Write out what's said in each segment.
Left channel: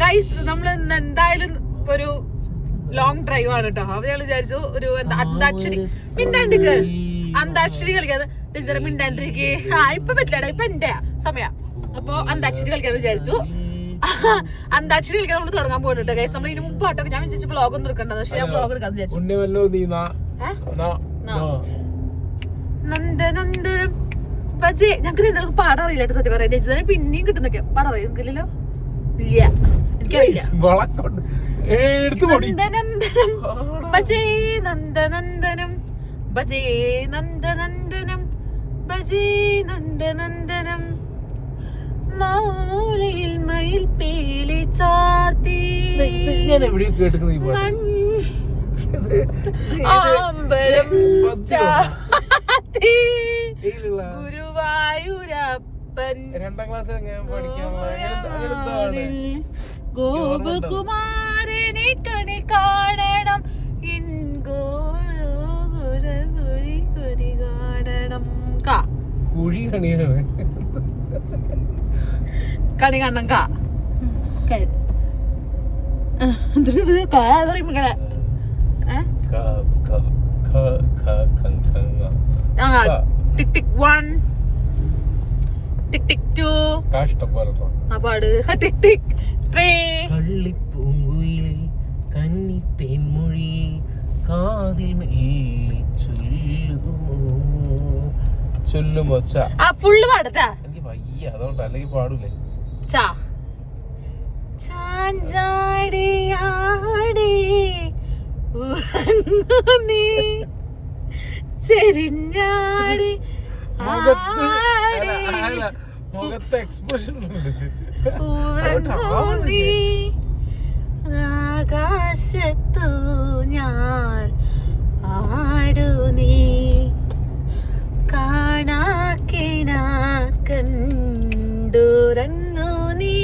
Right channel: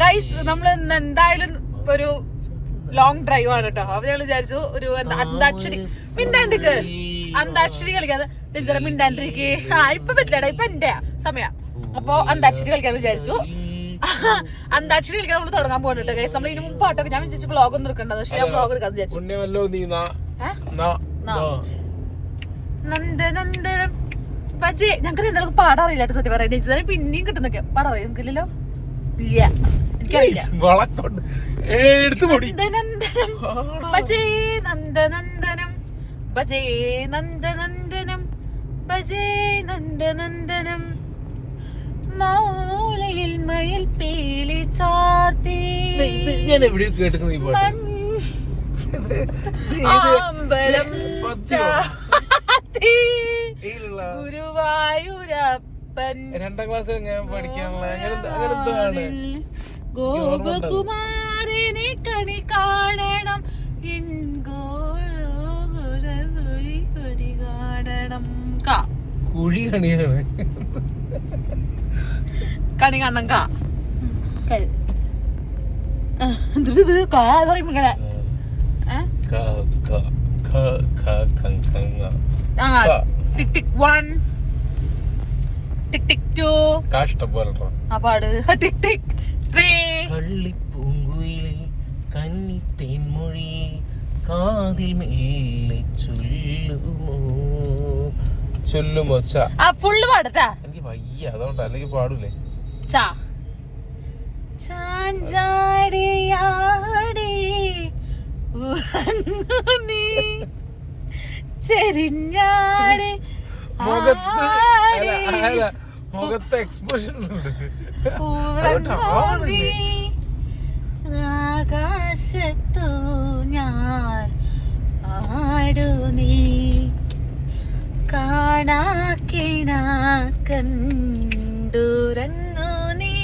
Guys നമ്മൾ എന്തായാലും ഒരു ലോങ് ഡ്രൈവ് ആണ് കേട്ടോ. അപ്പൊ ഞങ്ങൾ വിചാരിച്ചു ഒരു അന്താക്ഷരി മിണ്ടാണ്ടിക്ക് അന്താക്ഷരി കളിക്കാതെ ടീച്ചറെ മിണ്ടാണ്ടിരിക്കേ. ഇപ്പൊ പറ്റില്ലടാ, ഇപ്പൊ എന്റെ സമയം. അപ്പൊ അന്താക്ഷരി കളിക്കാന്ന് വിചാരിച്ചു. അന്താക്ഷരി കളിക്കാൻ നമ്മൾ തുടങ്ങാൻ പോകുന്നുണ്ട് ഗൈസ്. നമ്മൾ ഇതിന് മുമ്പ് പാട്ടൊക്കെ ഞാൻ വിചാരിച്ചു വ്ളോഗ് ഒന്നും എടുക്കണ്ടത്, പക്ഷെ ഞാൻ വ്ളോഗ് എടുക്കാന്ന് വിചാരിച്ചു. നന്ദനന്ദനം പക്ഷേ ഞങ്ങൾക്ക് രണ്ടാൾക്ക് പാടാറില്ല സത്യം പറയാം. ടീച്ചറെ പിന്നെയും കിട്ടുന്നൊക്കെ പാടാറിയ നിങ്ങൾക്കില്ലല്ലോ? ഇല്ല, എനിക്കറിയില്ല. നന്ദനന്ദനം ഭജേ നന്ദനന്ദനം ഭജേ നന്ദനന്ദനം ഭജേ നന്ദനന്ദനം മൗലയിൽ മയിൽ പേലി ചാർത്തി അമ്പലം ചാത്തി ഗുരുവായൂരപ്പൻ ഗോപകുമാരനെ കണി കാണണം കുഴി കാണണം കുഴി കണിയാണ് കണി കാണണം ടിക് ടിക് 1 ടിക് ടിക് 2 ആ പാട് ടിക് ടിക് 3 കള്ളിപ്പൂങ്കുയിലെ കന്നിത്തേൻമൊഴിയെ കാതിൽ മെല്ലെ ചൊല്ലുമോ ആ ഫുള്ള് പാടട്ടാ. എനിക്ക് വയ്യ, അതുകൊണ്ട് അല്ലെങ്കിൽ പാടൂലേ. ചാഞ്ചാടിയാടി നീ ചെരിഞ്ഞാടി മുഖത്തെ എക്സ്പ്രഷൻസ് ആകാശത്തു ഞാൻ ആടു നീ കാണാക്കിന കണ്ടുറങ്ങു നീ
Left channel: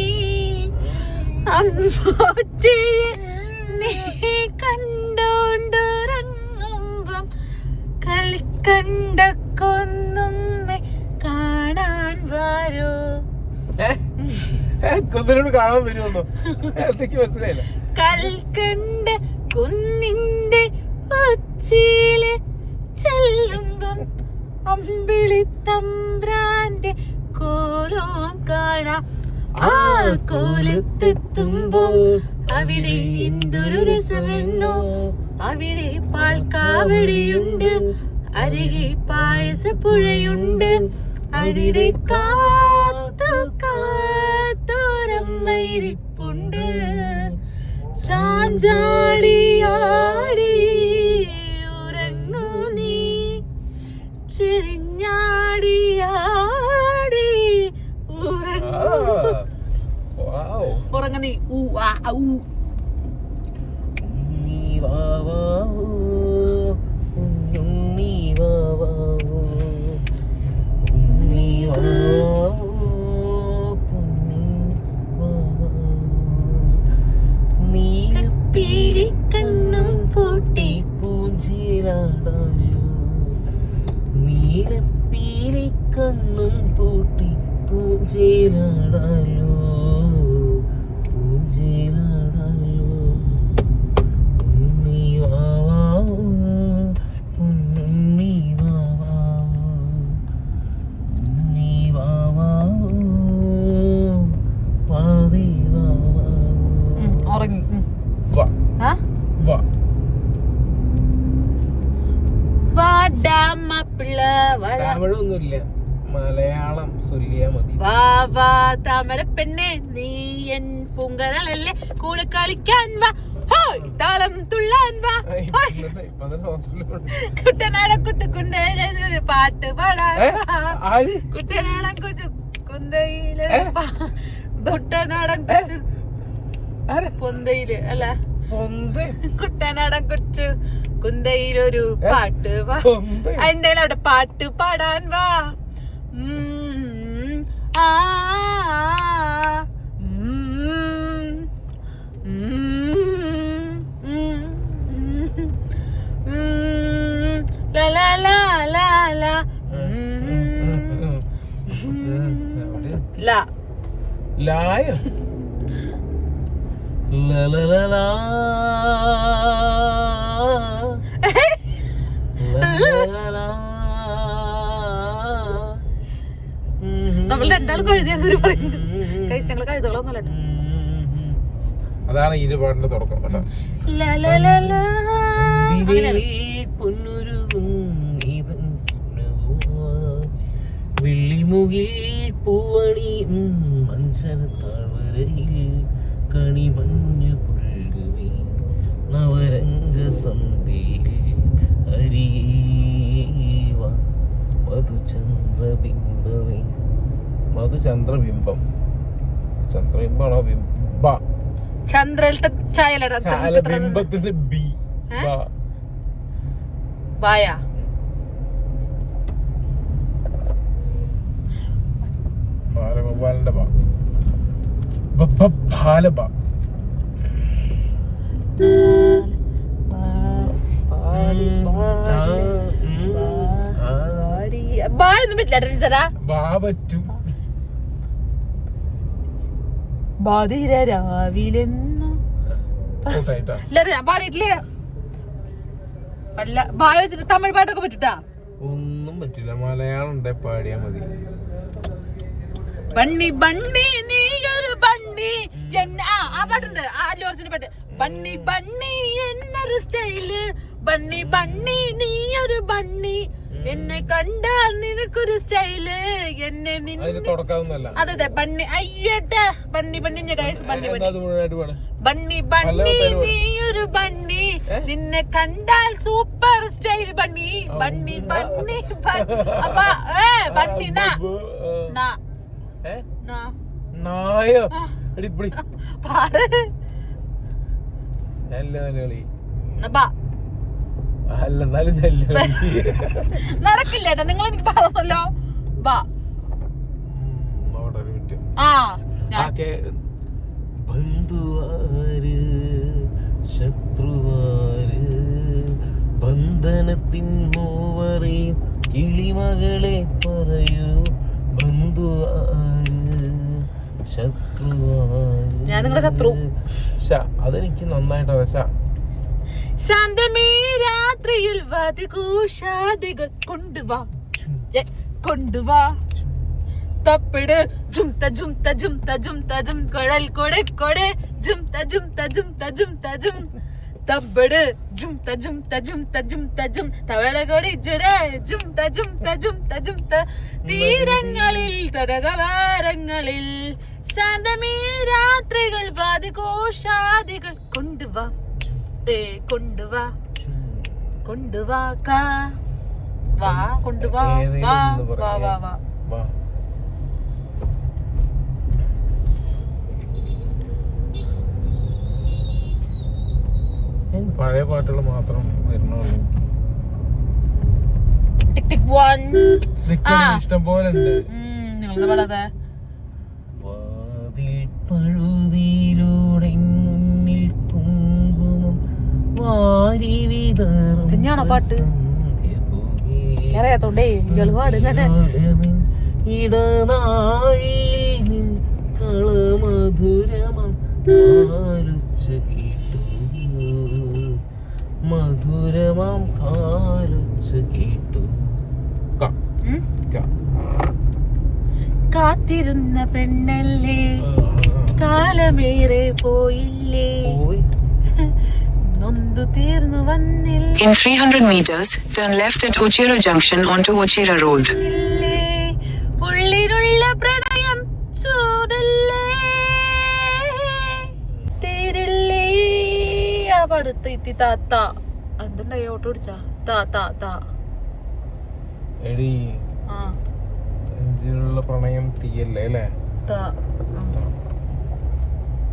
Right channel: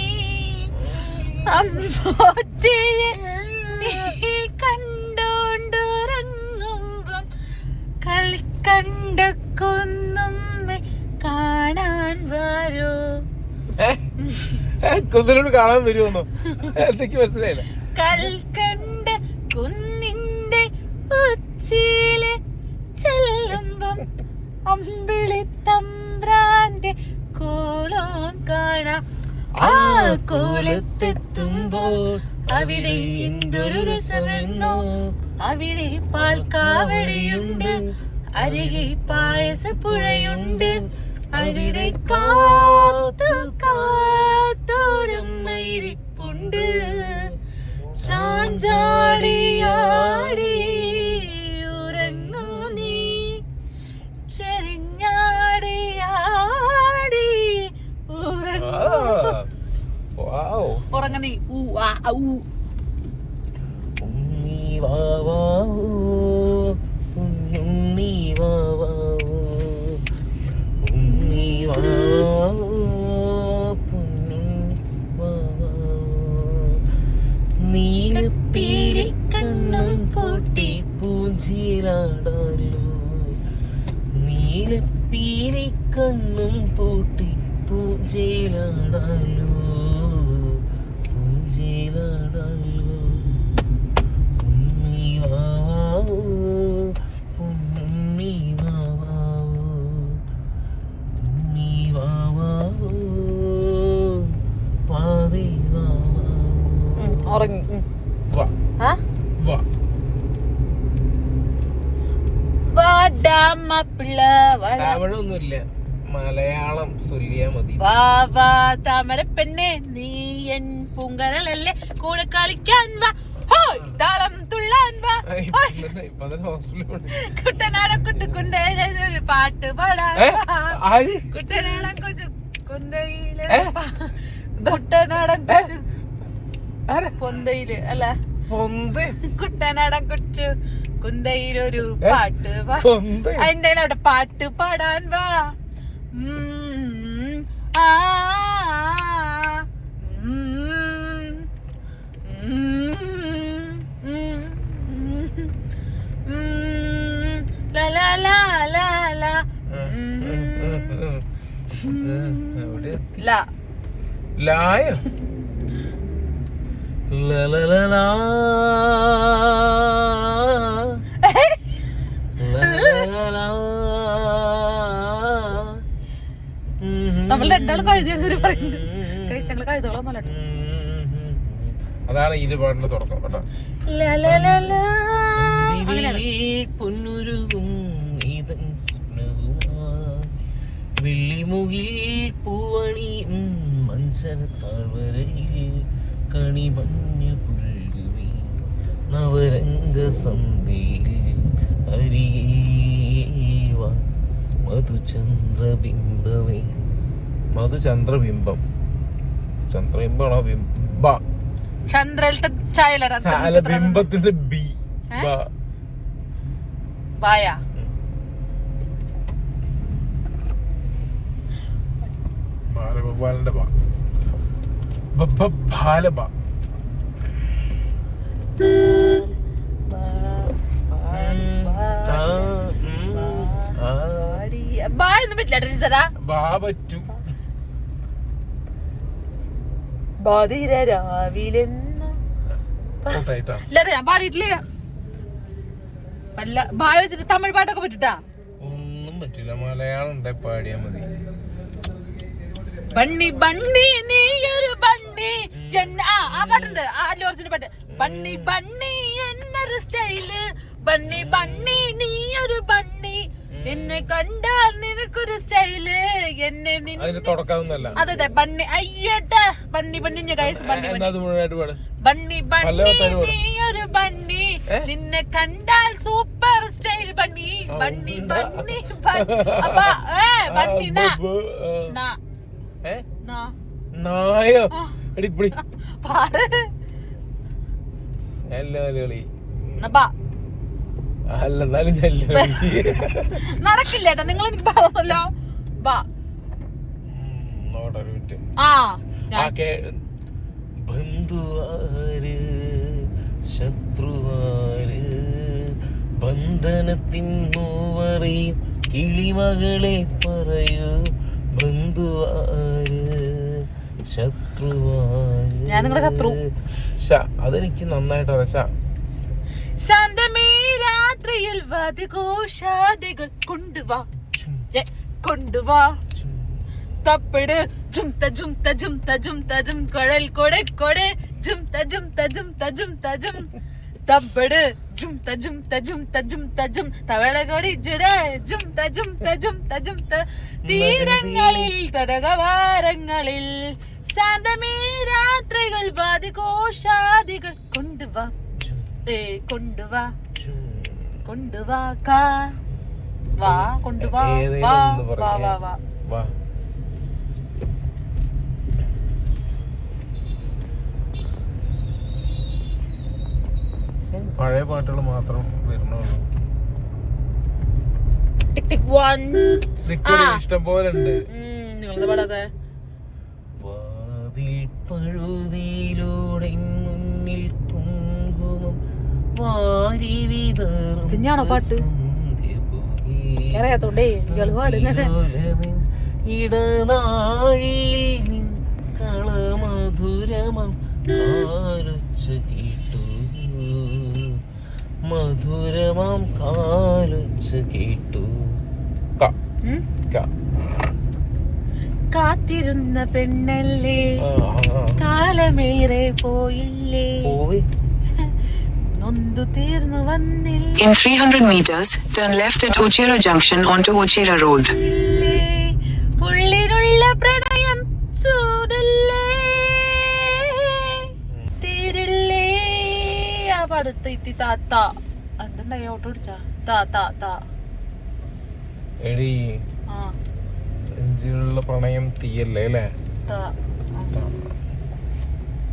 അമ്പോറ്റയെ നീ കണ്ടോണ്ടുറങ്ങുമ്പം കളിക്കണ്ട കൊന്നുമ്മെ കാണാൻ വരൂ. കൊന്നിനോട് കാണാൻ വരുമെന്നോ? എന്തൊക്കെ മനസ്സിലായില്ല. കൽക്കണ്ട കുന്നിന്റെ ഉച്ചിയില് ചെല്ലുമ്പം അമ്പിളി തമ്പ്രാന്റെ കോലം കാണാം. ആ കോലത്തെത്തുമ്പോ അവിടെ എന്തൊരു രസമെന്നോ. അവിടെ പാൽക്കാവടിയുണ്ട്, അരികെ പായസപ്പുഴയുണ്ട്, അവിടെ കാത്തോരമ്മയിരിപ്പുണ്ട്. ചാഞ്ചാടിയാടി ഉറങ്ങൂ നീ ചെരിഞ്ഞാടിയാടി ഉറങ്ങ നീ ഊ ആ ഊ. നീലപ്പീലിക്കണ്ണും പൂട്ടി പൂഞ്ചിരാടാലോ, നീലപ്പീലിക്കണ്ണും പൂട്ടി പൂഞ്ചിരാടാലോ, പൂഞ്ചിരാടാലോ. ഉണ്ണി വാവാവോ ഉണ്ണി വാവാവോ ഉണ്ണി വാവാവോ വാവേ വാവാവോ. ഉറങ്ങി അവളൊന്നുമില്ല, മലയാളം ചൊല്ലിയാ മതി. വാ വാ താമര പെണ്ണെ നീ എൻ പൂങ്കരളല്ലേ കൂടെ കളിക്കാൻ വാ, ഹോയ് താളം തുള്ളാൻ വാ, കുട്ടനാടൻ കുട്ടുകുണ്ട പാട്ട് പാടാൻ കുട്ടനാടൻ കൊച്ചു കുന്തയില് കുട്ടനാടൻ കൊച്ചു പൊന്തയില് അല്ല കുട്ടനാടൻ കൊച്ചു കുന്തയിലൊരു പാട്ട് വാ, എന്തായാലും അവിടെ പാട്ട് പാടാൻ വാ. ആ ലലലലാ. നമ്മൾ രണ്ടാളും കഴുതിയെന്ന് പറയുന്നത് കഴിച്ച് ഞങ്ങൾ കഴുതകളൊന്നുമല്ല കേട്ടോ. അതാണ് ഈ പാട്ടിന്റെ തുടക്കം കേട്ടോ. വെള്ളിമുകിൽ പൂവണിയും മഞ്ചനത്താഴ്വരയിൽ കണിമഞ്ഞ പുൽകുമി നവരംഗ സന്ധ്യയിൽ അരിയേവ മധുചന്ദ്രബിംബമേ. മധുചന്ദ്രബിംബം, ചന്ദ്രബിംബമാണോ ബിംബ? ചന്ദ്രയിലത്തെ ചായലടാ ബിംബത്തിന്റെ ബി പായ. ബാലഗോപാലന്റെ ബാലബ. ബായൊന്നും പറ്റില്ല. ബാധിര രാവിലെന്ന് പാടിയിട്ടില്ലേ? അല്ല ബായ വെച്ചിട്ട് തമിഴ് പാട്ടൊക്കെ പറ്റിട്ടാ? ഒന്നും പറ്റില്ല, മലയാളം ഉണ്ടെ പാടിയാ മതി. ബണ്ണി ബണ്ണി നീയൊരു ബണ്ണി ആ പാട്ടുണ്ട്, അല്ലു അർജുന്റെ പാട്ട്. ബണ്ണി ബണ്ണി എന്നൊരു സ്റ്റൈല്, ബണ്ണി ബണ്ണി നീയൊരു ബണ്ണി, എന്നെ കണ്ടാൽ നിനക്കൊരു സ്റ്റൈല്, എന്നെ അതെ ബണ്ണി അയ്യട്ടെ ബണ്ണി ബണ്ണി ഗൈസ്. ബണ്ണി ബണ്ണി ബണ്ണി ബണ്ണി നീയൊരു ബണ്ണി, നിന്നെ കണ്ടാൽ സൂപ്പർ സ്റ്റൈൽ ബണ്ണി, ബണ്ണി ബണ്ണി ബണ്ണി പാട് നടക്കില്ല ഏട്ടാ, നിങ്ങൾ എനിക്ക് പാടുന്നല്ലോ. ബന്ധുവാര് ശത്രുവാര് ബന്ധനത്തിൻ മൂവറിയും കിളിമകളെ പറയൂ. ബന്ധുവാര് ശത്രുവാര്. ഞാൻ നിങ്ങളുടെ ശത്രു. അതെനിക്ക് നന്നായിട്ട് അറിയാം. ശാന്തമേ രാത്രിയിൽ വാദിഘോഷാദികൾ കൊണ്ടുവാ കൊണ്ടുവാ, തപ്പിട് ജുംത ജുംത ജുംത ജുംത ജും, കൊഴൽ കൊടെ കൊടെ ജുംത ജുംത ജുംത ജുംത ജും, തപ്പിട് ജുംത ജുംത ജുംത ജുംത ജും, തവളകൊടി ജുട ജുംത ജുംത ജുംത ജുംത, തീരങ്ങളിൽ തടകവാരങ്ങളിൽ ശാന്തമേ രാത്രികൾ വാദിഘോഷാദികൾ കൊണ്ടുവാ കൊണ്ടുവാ കൊണ്ടുവാ കാ വാ കൊണ്ടുവാ വാ വാ വാ വാ. പഴയ പാട്ടുകൾ മാത്രം വരുന്നുള്ളൂ. ടിക് ടിക് വൺ ഇഷ്ടം പോലെ ഉണ്ട്. നിങ്ങളത് പാടാതെ പഴുതിയിലൂടെ മുന്നിൽ കുങ്കുമം വാരി തന്നെയാണോ പാട്ട്? അറിയാത്തോണ്ടേ ഇയാള് പാടുങ്ങനെ. ഇടനാഴിയിൽ കളമധുരമം കാലൊച്ച കേട്ടു, മധുരമം കാലൊച്ച കേട്ടു. കാത്തിരുന്ന പെണ്ണല്ലേ കാലമേറെ പോയില്ലേ, നൊന്തു തീർന്നു വന്നില്ല. In 300 meters, turn left at Ochera Junction onto Ochera Road. ഉള്ളിലുള്ള പ്രണയം ചൂടല്ലേ തീരില്ലേ. ആ പാടുത്ത ഇത്തി താത്ത എന്തുണ്ടായി ഓട്ടോ പിടിച്ചാ താ താ താ. ആ നെഞ്ചിലുള്ള പ്രണയം തീയല്ലേ അല്ലേ?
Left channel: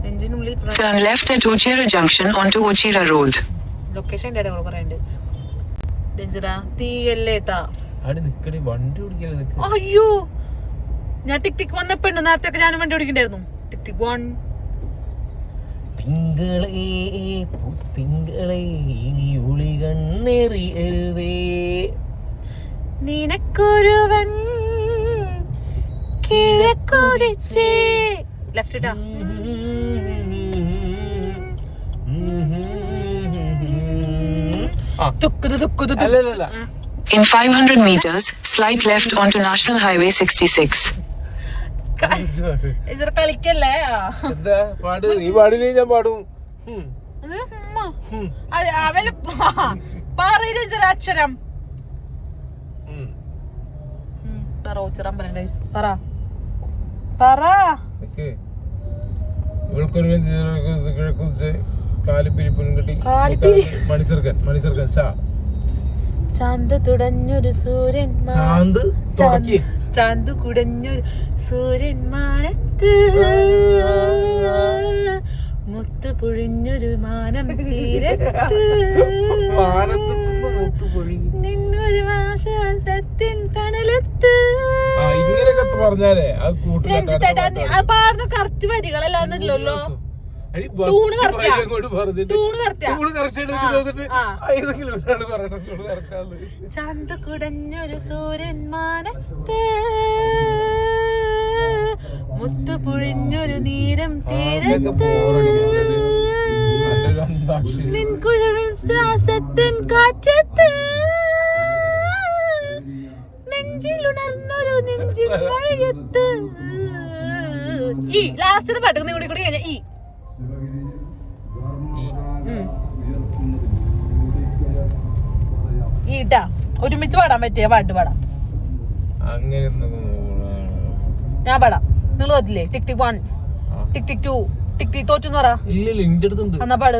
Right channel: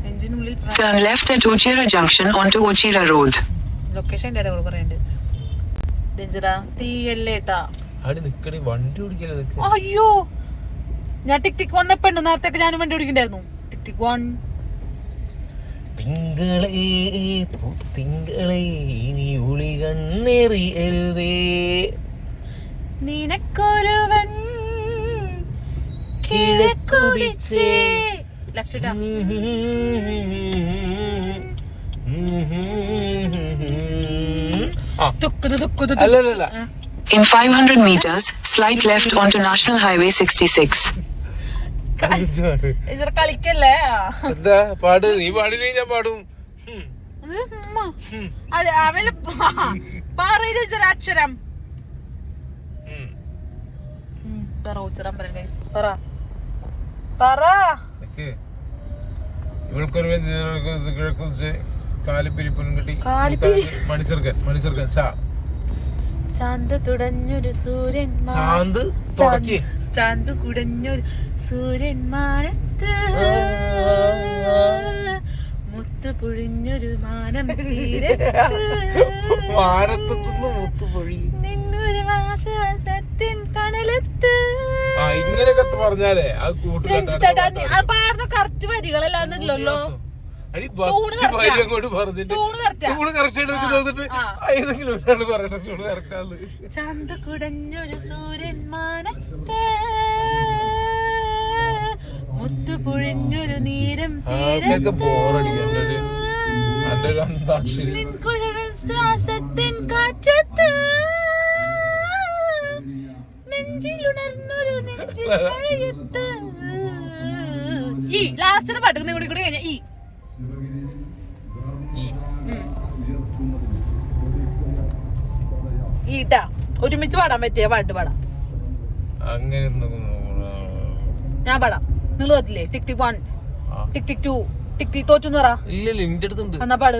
നെഞ്ചിനുള്ളിൽ Turn left at Ochera Junction onto Ochera Road. Location എന്റെ ഇടയിൽ പറയണ്ട്. തീയല്ലേ താ. അയ്യോ ഞാൻ ടിക് ടിക് വൺ പെണ്ണു നേരത്തെ ഞാൻ വണ്ടി ഓടിക്കണ്ടായിരുന്നു. ടിക് ടിക് വൺ. തിങ്കളെ ഇനി ഉളി കണ്ണെറിയരുതേ, നിനക്കൊരുവൻ കിഴക്കുതിച്ചേ. ലെഫ്റ്റ് ഇട്ടാ അല്ലല്ല In 500 meters, slide left onto National Highway 66. ഇത് കളിക്കല്ലേ എന്താ പാട് നീ പാടില്ലേ ഞാൻ പാടും അതെ അവന് പറയില്ല ഇതൊരു അക്ഷരം പറ ഉച്ചറാൻ പറയാം ഗൈസ് പറ പറ ഇവൾക്കൊരു കാലിപ്പിരിപ്പും കിട്ടി കാലിപ്പിരി മണിസർക്കൻ ചാന്ത് തുടഞ്ഞൊരു സൂര്യൻ ചാന്ത് കുടഞ്ഞൊരു സൂര്യൻ മാനത്ത് മുത്തു പൊഴിഞ്ഞൊരു മാനം തീരത്ത് നിന്നൊരു ആശ്വാസത്തിൻ കടലത്ത് പറഞ്ഞാലേ രഞ്ജിത്തേട്ടാ അത് പാടുന്ന കറക്റ്റ് വരികളല്ലാന്നല്ലോ ടൂണ് കറക്റ്റാ ചന്ത കുടഞ്ഞൊരു സൂര്യൻ മാനത്ത് മുത്തു പൊഴിഞ്ഞൊരു നീരം തീരത്ത് ശ്വാസത്തിൻ കാറ്റത്ത് നെഞ്ചിലുണർന്നൊരു നെഞ്ചിൽ മഴയത്ത് ഈ ലാസ്റ്റ് പാട്ട് കൂടി കഴിഞ്ഞ ഈ ഈട്ടാ ഒരുമിച്ച് പാടാൻ പറ്റിയ പാട്ട് പാടാം ഞാൻ പാടാം നിങ്ങൾ തോറ്റില്ലേ ടിക് ടിക് 1 ടിക് ടിക് 2 ടിക് ടിക് തോറ്റു പറ എന്നാ പാട്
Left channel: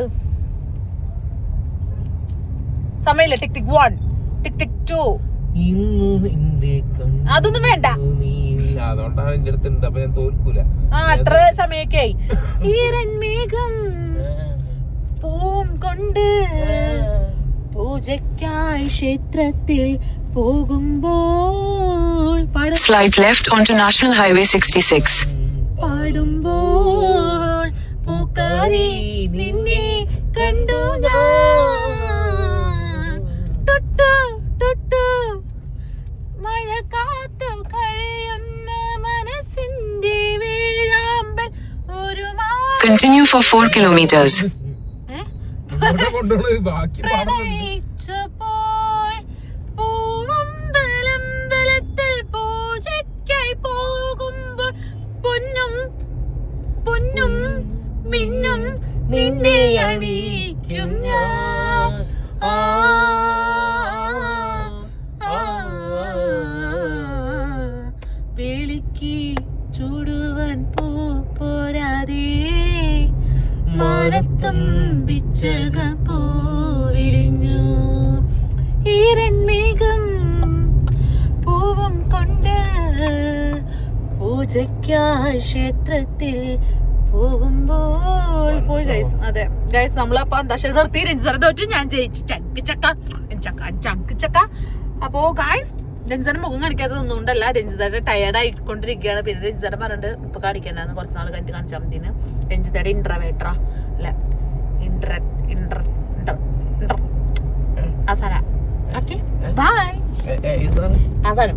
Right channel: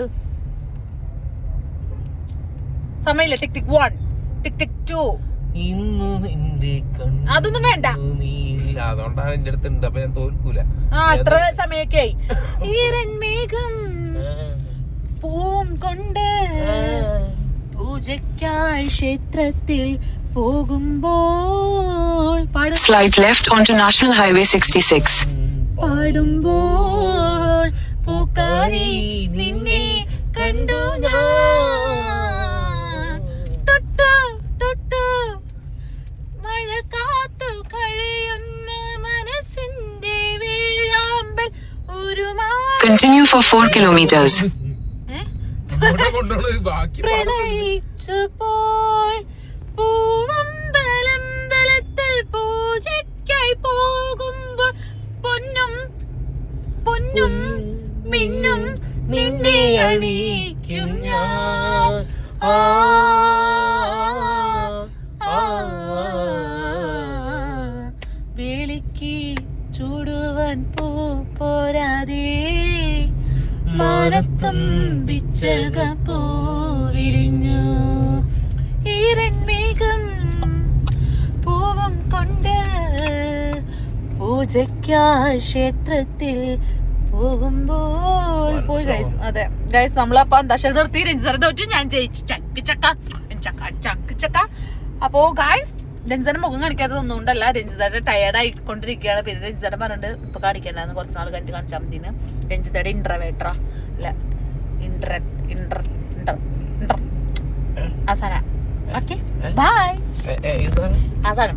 സമയമില്ല ടിക് ടിക് 1 ടിക് ടിക് 2 അതൊന്നും വേണ്ട അതുകൊണ്ടാണ് എന്റെ അടുത്തുണ്ട് അപ്പൊ ഞാൻ തോൽക്കൂല അത്ര സമയൊക്കെ ആയി ഈരന്മേഘം പൂം കൊണ്ട് പൂജയ്ക്കായി ക്ഷേത്രത്തിൽ പോകുമ്പോൾ Slide left onto National Highway 66. പാടുമ്പോൾ പൂക്കാരി നിന്നെ കണ്ടു ഞാൻ തൊട്ടു തൊട്ടു മഴ കാത്തു കഴിയുന്ന മനസ്സിന്റെ വേഴാമ്പൽ ഒരു Continue for 4 kilometers. പ്രണയിച്ചു പോയി പൂവമ്പലത്തിൽ പൂജയ്ക്കായി പോകുമ്പോൾ പൊന്നും പൊന്നും മിന്നും നിന്നെ അണിയിക്കും ഞാൻ വേളിക്ക് ചൂടുവാൻ പോരാതെ മാനത്തും പിച്ചക പോവിരിഞ്ഞു ഈരന്മേഘം പൂവും കൊണ്ട് പൂജയ്ക്കായി ക്ഷേത്രത്തിൽ പോകുമ്പോൾ പോയി ഗൈസ് അതെ ഗൈസ് നമ്മളപ്പോ ദശ നിർത്തി രഞ്ജിതര തോറ്റു ഞാൻ ജയിച്ചു ചക്ക അപ്പോ ഗൈസ് രഞ്ജിതയുടെ മുഖം കാണിക്കാത്തതൊന്നും കൊണ്ടല്ല രഞ്ജിതയുടെ ടയർഡ് ആയിക്കൊണ്ടിരിക്കുകയാണ് പിന്നെ രഞ്ജിതയുടെ പറഞ്ഞിട്ട് ഇപ്പൊ കാണിക്കണ്ടെന്ന് കുറച്ച് നാൾ കഴിഞ്ഞിട്ട് കാണിച്ചാൽ മതിന്ന് രഞ്ജിതയുടെ ഇൻട്രവേറ്ററാ അല്ല അവസാനം ഓക്കെ ബൈ അവസാനം